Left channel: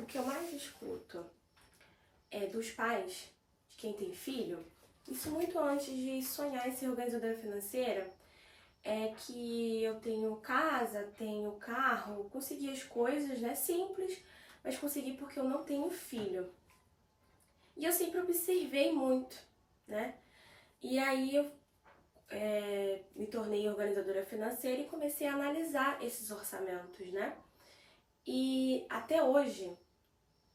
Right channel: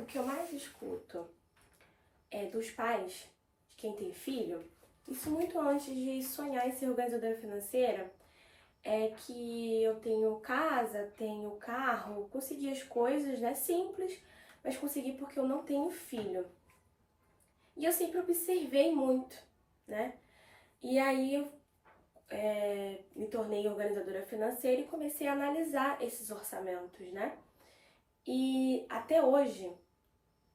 O que eu mais escuto dos pais, de quem tem filho, isso muito antes de sonhar em ser organizadora financeira, é que eu tenho casa, tenho carro, consegui as coisas, né, simples, mas consegui porque eu não tenho filho. E eu sempre observei muito, né? E aí eu me tornei organizadora financeira e comecei a analisar esses orçamentos, né? E até hoje,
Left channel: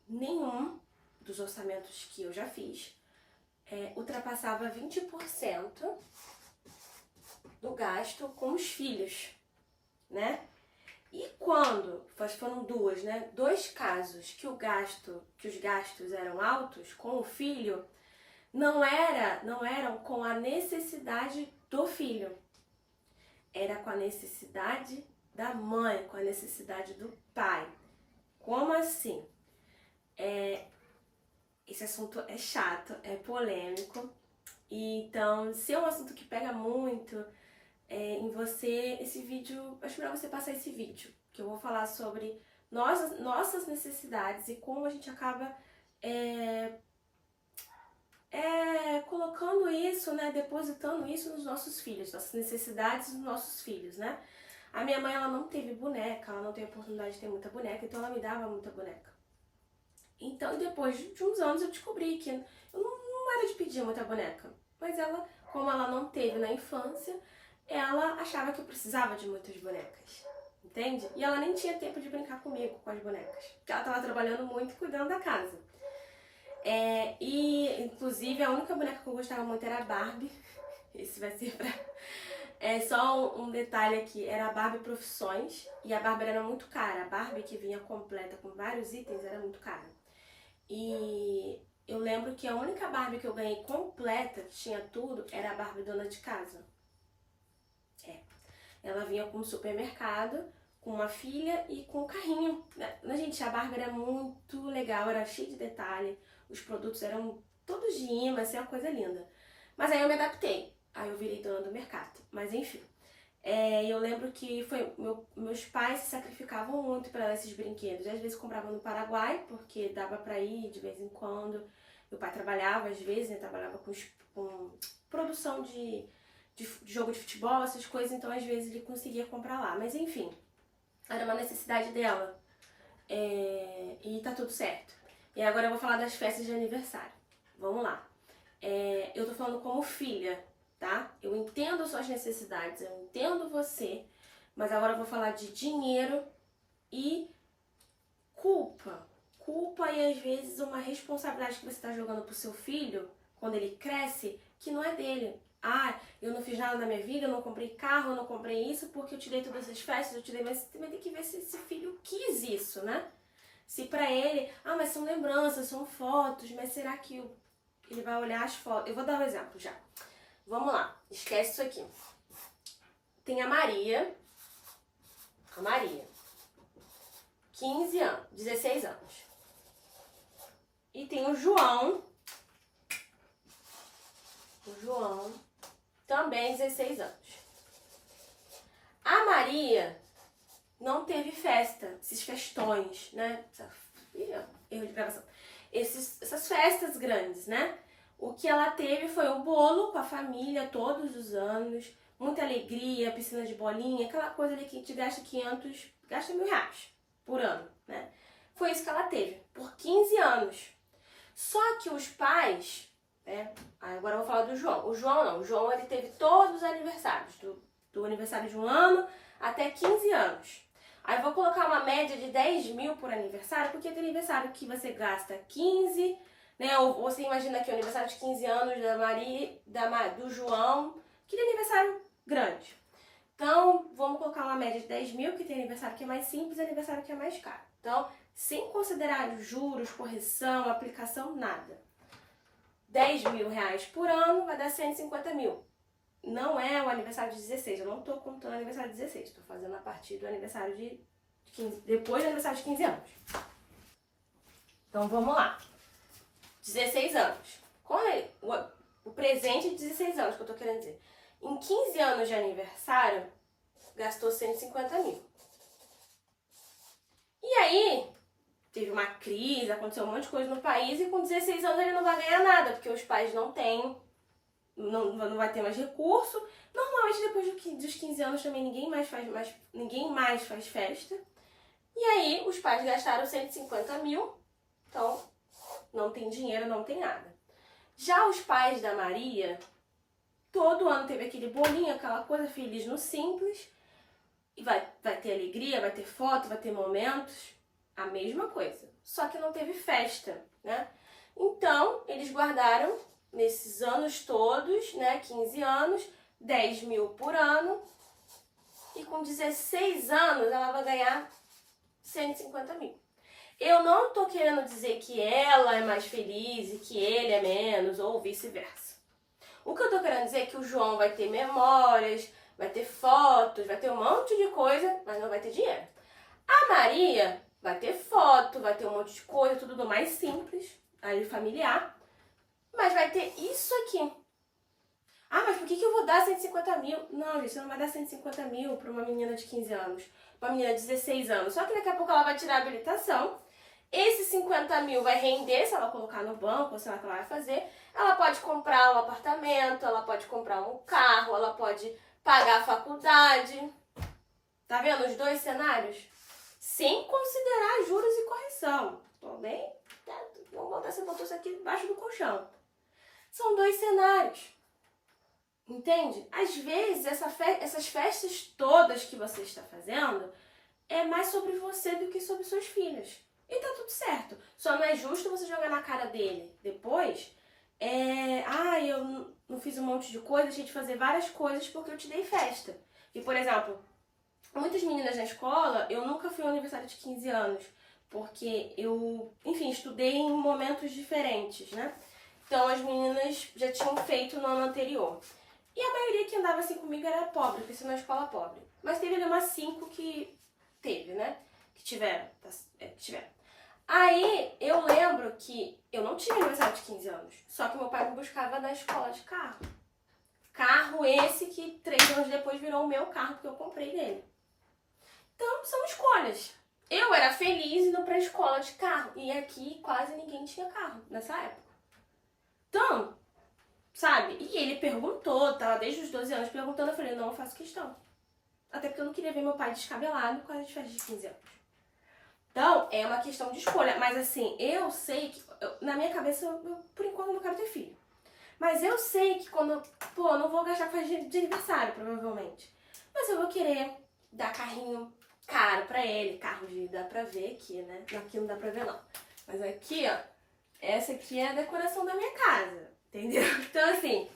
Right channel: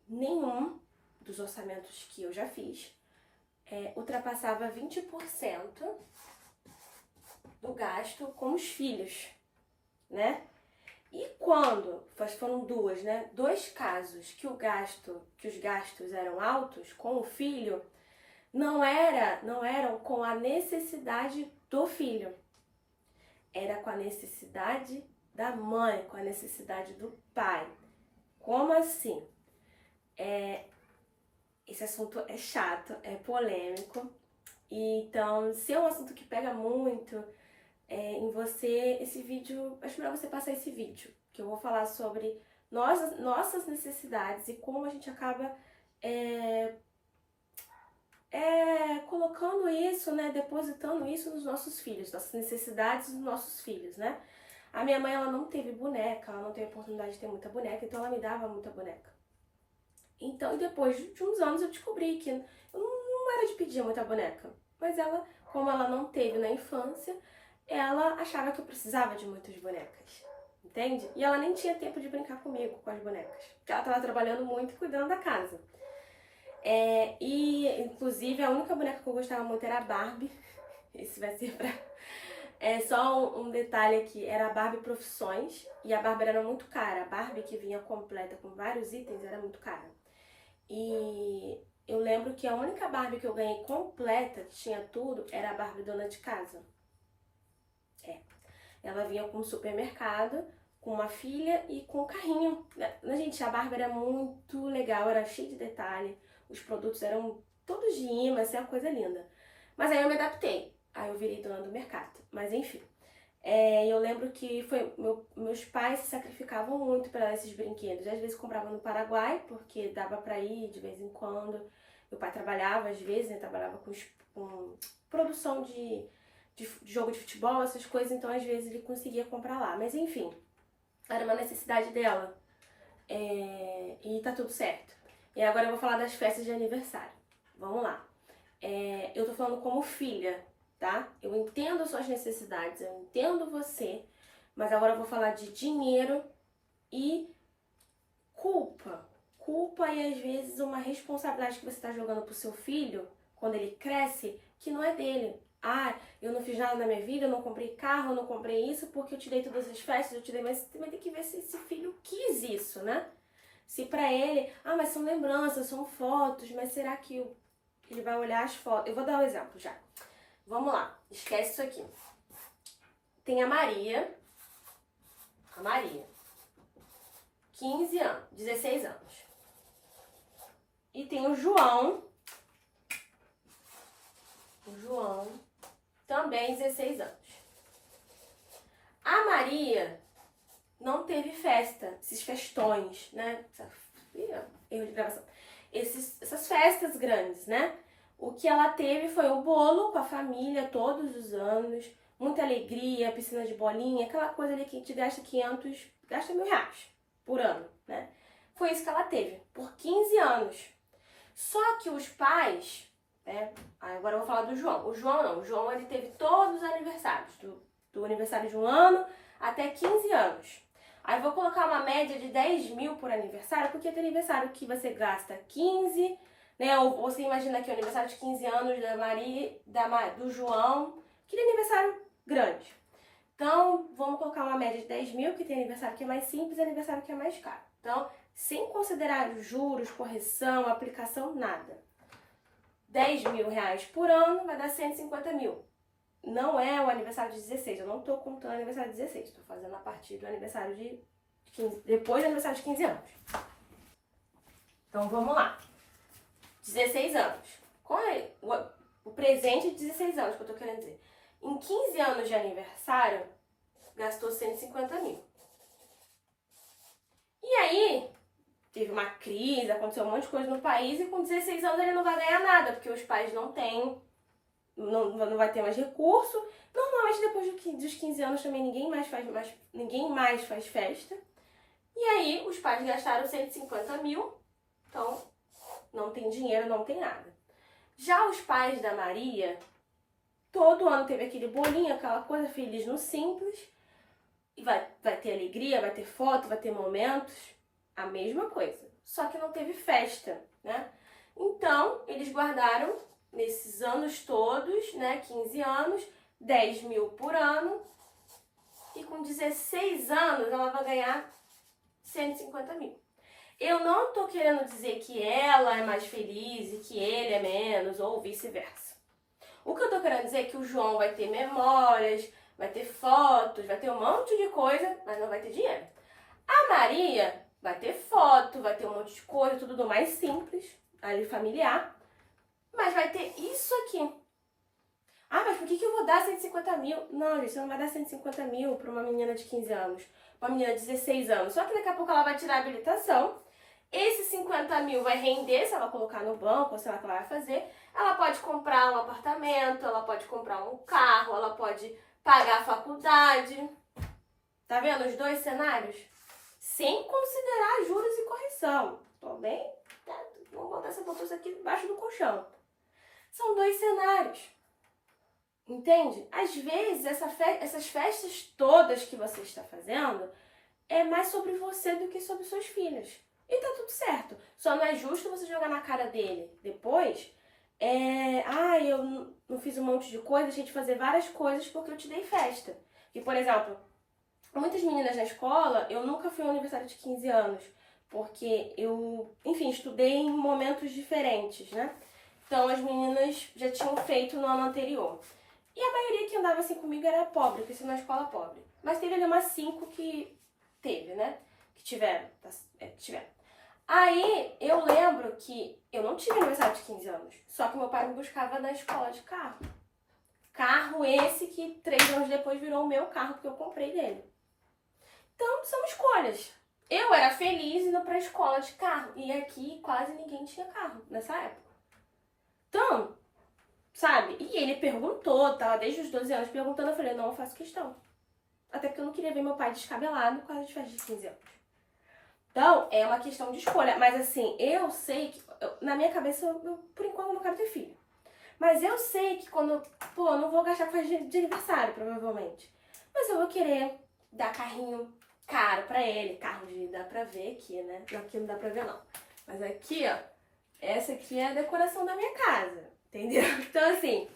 nenhum dos orçamentos que eu já fiz ultrapassava 20% do gasto com os filhos, né? E quando, foram duas, né? Dois casos que os gastos eram altos com o filho, não eram com a necessidade do filho, era com a necessidade da mãe, com a necessidade do pai. Como assim? Esse assunto é chato, é polêmico, e então, se é um assunto que pega muito em você, esse vídeo, acho melhor você passar esse vídeo, que eu vou falar sobre nossas necessidades e como a gente acaba colocando isso, né, depositando isso nos nossos filhos, nossas necessidades dos nossos filhos, né? A minha mãe, ela não teve boneca, ela não teve oportunidade de ter muita boneca, então ela me dava muita boneca. Então, depois de uns anos, eu descobri que eu não era de pedir muita boneca, mas ela, como ela não teve na infância, ela achava que eu precisava de muitas bonecas, entende? E ela nem tinha tempo de brincar comigo com as bonecas, porque ela estava trabalhando muito e cuidando da casa. E, inclusive, a única boneca que eu gostava muito era a Barbie. Esse vai ser pra... só um detalhe aqui, era a Barbie Profissões, e a Barbie era muito cara. A Barbie que vinha completa com vários itens era muito cara. E eu lembro que a única Barbie que eu ganhei completa, que tinha tudo, era a Barbie dona de casa. Ela vinha com um supermercado, com uma filha e com um carrinho. Gente, a Barbie era muito legal, era cheia de detalhe. Os produtos eram todos de imã, assim, uma coisa linda. Mas aí eu me adaptei. Aí eu virei dona do mercado. Mas enfim. Eu lembro que meus pais se sacrificavam muito para esses brinquedos. Às vezes compravam no Paraguai, porque dava para ir de vez em quando. Meu pai trabalhava, às vezes, né? Trabalhava com produção de jogo de futebol, essas coisas. Então, às vezes, ele conseguia comprar lá. Mas enfim, era uma necessidade dela. E tá tudo certo. E agora eu vou falar das festas de aniversário. Vamos lá. Eu tô falando como filha, tá? Eu entendo suas necessidades, eu entendo você, mas agora eu vou falar de dinheiro e culpa. Culpa e às vezes uma responsabilidade que você tá jogando pro seu filho, quando ele cresce, que não é dele. Eu não fiz nada na minha vida, eu não comprei carro, eu não comprei isso porque eu te dei todas as festas, eu te dei, mas você vai ter que ver se esse filho quis isso, né? Se pra ele, mas são lembranças, são fotos, mas será que ele vai olhar as fotos? Eu vou dar um exemplo já. Vamos lá, esquece isso aqui. Tem a Maria, 15 anos, 16 anos. E tem o João, também 16 anos. A Maria não teve festa, esses festões, né? Erro de gravação. Essas festas grandes, né? O que ela teve foi o bolo com a família todos os anos, muita alegria, piscina de bolinha, aquela coisa ali que a gente gasta gasta R$1.000 por ano, né? Foi isso que ela teve, por 15 anos. Só que os pais, agora eu vou falar do João. O João ele teve todos os aniversários, do aniversário de 1 ano até 15 anos. Aí eu vou colocar uma média de 10 mil por aniversário, porque tem aniversário que você gasta 15, né? Ou você imagina que é o aniversário de 15 anos da Maria, do João, que tem aniversário grande. Então, vamos colocar uma média de 10 mil, que tem aniversário que é mais simples e aniversário que é mais caro. Então, sem considerar os juros, correção, aplicação, nada. R$10.000 por ano vai dar 150 mil. Não é o aniversário de 16, eu não tô contando o aniversário de 16, tô fazendo a partir do aniversário de 15, depois do aniversário de 15 anos. Então vamos lá. 16 anos. O presente de 16 anos que eu tô querendo dizer. Em 15 anos de aniversário, gastou 150 mil. E aí, teve uma crise, aconteceu um monte de coisa no país e com 16 anos ele não vai ganhar nada, porque os pais não têm, não vai ter mais recurso. Normalmente depois dos 15 anos também ninguém mais faz festa. E aí os pais gastaram 150 mil, então não tem dinheiro, não tem nada. Já os pais da Maria, todo ano teve aquele bolinho, aquela coisa feliz no simples. E vai ter alegria, vai ter foto, vai ter momentos. A mesma coisa. Só que não teve festa, né? Então, eles guardaram nesses anos todos, né? 15 anos, 10 mil por ano. E com 16 anos ela vai ganhar 150 mil. Eu não tô querendo dizer que ela é mais feliz e que ele é menos, ou vice-versa. O que eu tô querendo dizer é que o João vai ter memórias, vai ter fotos, vai ter um monte de coisa, mas não vai ter dinheiro. A Maria vai ter foto, vai ter um monte de coisa, tudo do mais simples, ali familiar, mas vai ter isso aqui. Ah, mas por que eu vou dar 150 mil? Não, gente, você não vai dar 150 mil para uma menina de 15 anos, uma menina de 16 anos. Só que daqui a pouco ela vai tirar a habilitação. Esses 50 mil vai render, se ela colocar no banco, ou sei lá o que ela vai fazer. Ela pode comprar um apartamento, ela pode comprar um carro, ela pode pagar a faculdade. Tá vendo os dois cenários? Sem considerar juros e correção. Tô bem? Vamos botar essa bolsa aqui debaixo do colchão. São dois cenários. Entende? Às vezes, essas festas todas que você está fazendo é mais sobre você do que sobre seus filhos. E tá tudo certo. Só não é justo você jogar na cara dele depois. Eu não fiz um monte de coisa, deixei de fazer várias coisas porque eu te dei festa. E, por exemplo, muitas meninas na escola, eu nunca fui ao aniversário de 15 anos. Porque eu, enfim, estudei em momentos diferentes, né? Então, as meninas já tinham feito no ano anterior. E a maioria que andava assim comigo era pobre, porque isso é uma escola pobre. Mas teve ali umas 5 que teve, né? Que tiveram. Aí, eu lembro que eu não tive aniversário de 15 anos. Só que meu pai me buscava na escola de carro. Carro esse que 3 anos depois virou o meu carro, porque eu comprei dele. Então, são escolhas. Eu era feliz indo pra escola de carro. E aqui quase ninguém tinha carro nessa época. Então, sabe? E ele perguntou, tava desde os 12 anos perguntando. Eu falei, não, eu faço questão. Até porque eu não queria ver meu pai descabelado por causa de festa de 15 anos. Então, é uma questão de escolha. Mas assim, eu sei que... na minha cabeça, eu por enquanto não quero ter filho. Mas eu sei que quando... eu não vou gastar com festa de aniversário, provavelmente. Mas eu vou querer dar carrinho caro pra ele. Carro de... dá pra ver aqui, né? Aqui não dá pra ver, não. Mas aqui, ó. Essa aqui é a decoração da minha casa. Entendeu? Então, assim...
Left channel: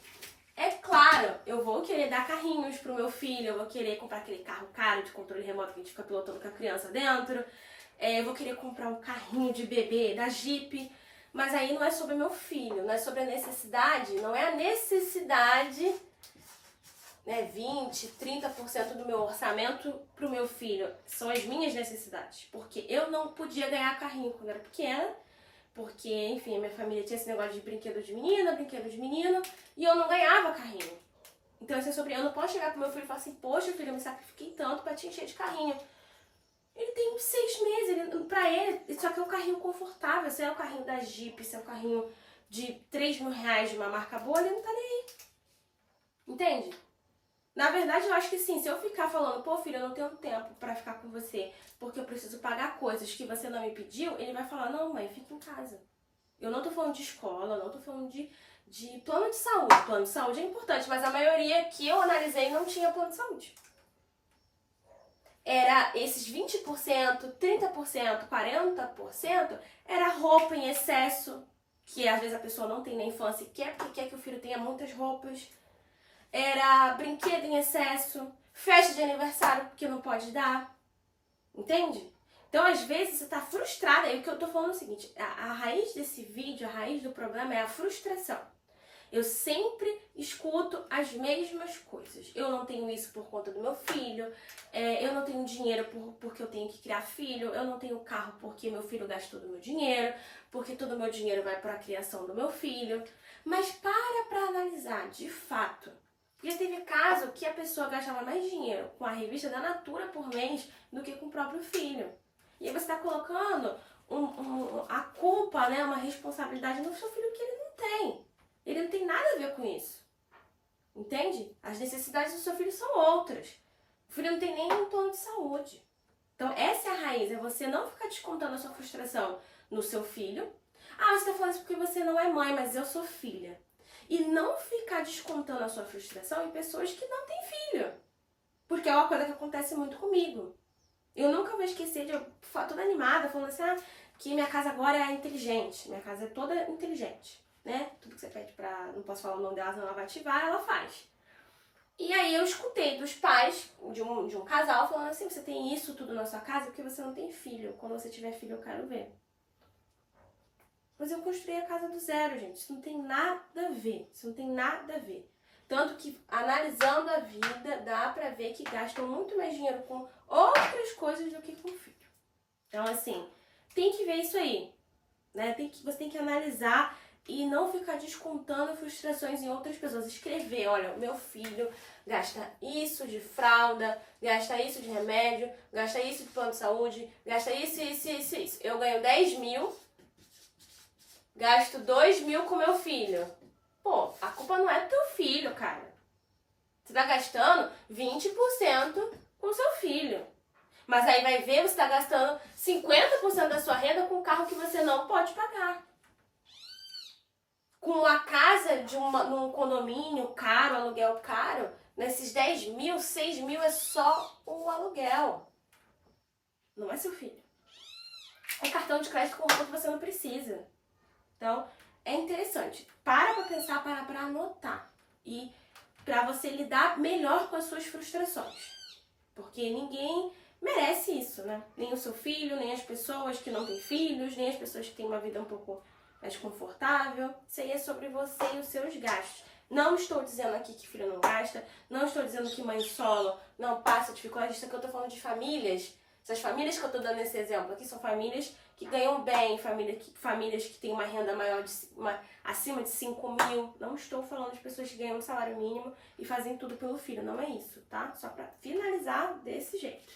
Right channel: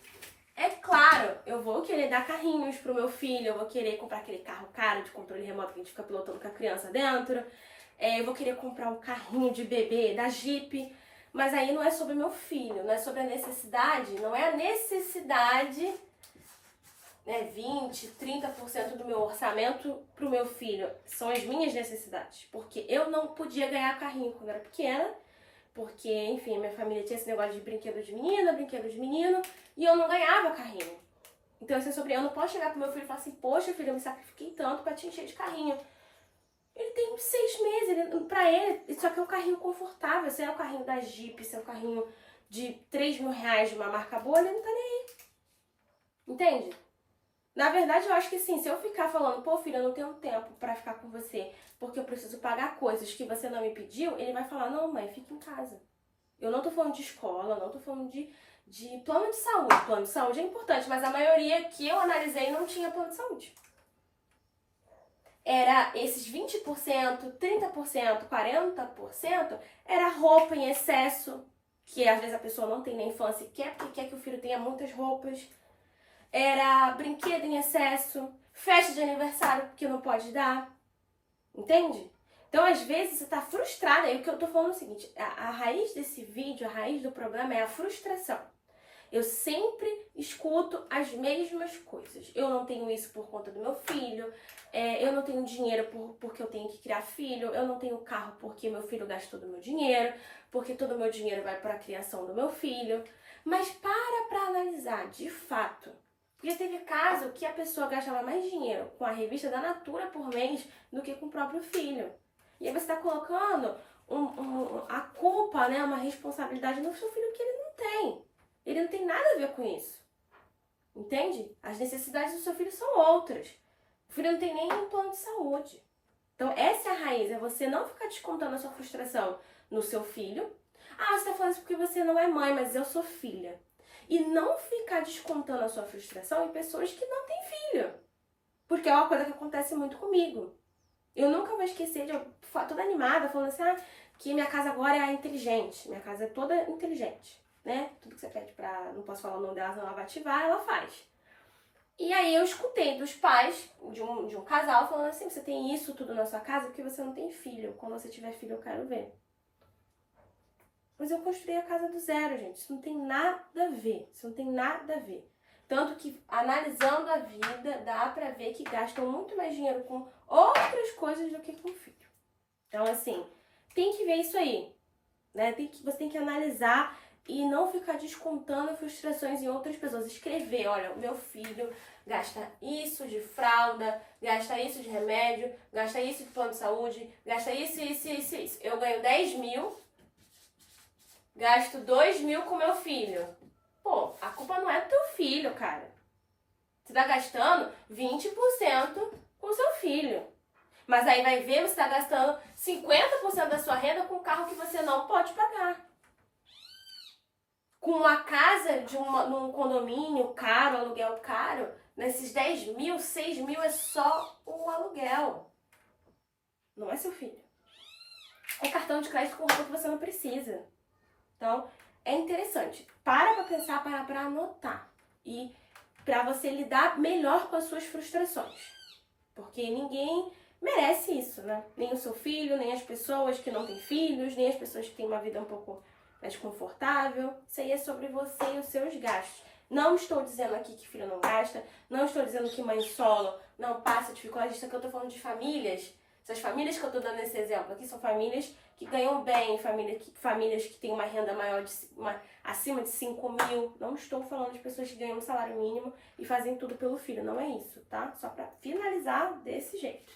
é claro, eu vou querer dar carrinhos pro meu filho. Eu vou querer comprar aquele carro caro de controle remoto que a gente fica pilotando com a criança dentro. Eu vou querer comprar um carrinho de bebê da Jeep, mas aí não é sobre meu filho, não é sobre a necessidade, não é a necessidade, né, 20, 30% do meu orçamento pro meu filho, são as minhas necessidades, porque eu não podia ganhar carrinho quando era pequena, porque, enfim, a minha família tinha esse negócio de brinquedo de menina, brinquedo de menino, e eu não ganhava carrinho. Então, assim, eu não posso chegar pro meu filho e falar assim, poxa, filho, eu me sacrifiquei tanto pra te encher de carrinho. Ele tem 6 meses, pra ele, isso aqui é um carrinho confortável. Se é o carrinho da Jeep, se é o carrinho de 3 mil reais de uma marca boa, ele não tá nem aí. Entende? Na verdade, eu acho que sim, se eu ficar falando, pô, filho, eu não tenho tempo pra ficar com você, porque eu preciso pagar coisas que você não me pediu, ele vai falar, não, mãe, fica em casa. Eu não tô falando de escola, não tô falando de plano de saúde. Plano de saúde é importante, mas a maioria que eu analisei não tinha plano de saúde. Era esses 20%, 30%, 40%, era roupa em excesso, que às vezes a pessoa não tem na infância e quer, porque quer que o filho tenha muitas roupas. Era brinquedo em excesso, festa de aniversário que não pode dar. Entende? Então, às vezes, você tá frustrada. E o que eu tô falando é o seguinte, a raiz desse vídeo, a raiz do problema é a frustração. Eu sempre escuto as mesmas coisas. Eu não tenho isso por conta do meu filho. Eu não tenho dinheiro porque eu tenho que criar filho. Eu não tenho carro porque meu filho gastou todo o meu dinheiro. Porque todo o meu dinheiro vai para a criação do meu filho. Mas para analisar, de fato. Já teve caso que a pessoa gastava mais dinheiro com a revista da Natura por mês do que com o próprio filho. E aí você está colocando a culpa, né, uma responsabilidade no seu filho que ele não tem. Ele não tem nada a ver com isso. Entende? As necessidades do seu filho são outras. O filho não tem nem um plano de saúde. Então, essa é a raiz, é você não ficar descontando a sua frustração no seu filho. Ah, você tá falando isso porque você não é mãe, mas eu sou filha. E não ficar descontando a sua frustração em pessoas que não têm filho. Porque é uma coisa que acontece muito comigo. Eu nunca vou esquecer de eu toda animada, falando assim, que minha casa agora é inteligente. Minha casa é toda inteligente, né? Tudo que você pede pra... Não posso falar o nome dela, senão ela vai ativar, ela faz. E aí eu escutei dos pais de um casal falando assim, você tem isso tudo na sua casa porque você não tem filho. Quando você tiver filho, eu quero ver. Mas eu construí a casa do zero, gente. Isso não tem nada a ver. Isso não tem nada a ver. Tanto que, analisando a vida, dá pra ver que gastam muito mais dinheiro com outras coisas do que com filho. Então, assim, tem que ver isso aí, né? Você tem que analisar e não ficar descontando frustrações em outras pessoas. Escrever, olha, o meu filho gasta isso de fralda, gasta isso de remédio, gasta isso de plano de saúde, gasta isso. Eu ganho 10 mil, gasto 2 mil com meu filho. Pô, a culpa não é do teu filho, cara. Você tá gastando 20% com o seu filho. Mas aí vai ver, você tá gastando 50% da sua renda com um carro que você não pode pagar. Com uma casa num condomínio caro, aluguel caro, nesses 10 mil, 6 mil é só o aluguel. Não é seu filho. É cartão de crédito com roupa que você não precisa. Então, é interessante. Para pra pensar, para pra anotar. E pra você lidar melhor com as suas frustrações. Porque ninguém merece isso, né? Nem o seu filho, nem as pessoas que não têm filhos, nem as pessoas que têm uma vida um pouco mais confortável. Isso aí é sobre você e os seus gastos. Não estou dizendo aqui que filho não gasta, não estou dizendo que mãe solo não passa dificuldade. Isso aqui eu tô falando de famílias. Essas famílias que eu tô dando esse exemplo aqui são famílias que ganham bem, famílias que têm uma renda maior, acima de 5 mil. Não estou falando de pessoas que ganham um salário mínimo e fazem tudo pelo filho, não é isso, tá? Só pra finalizar desse jeito.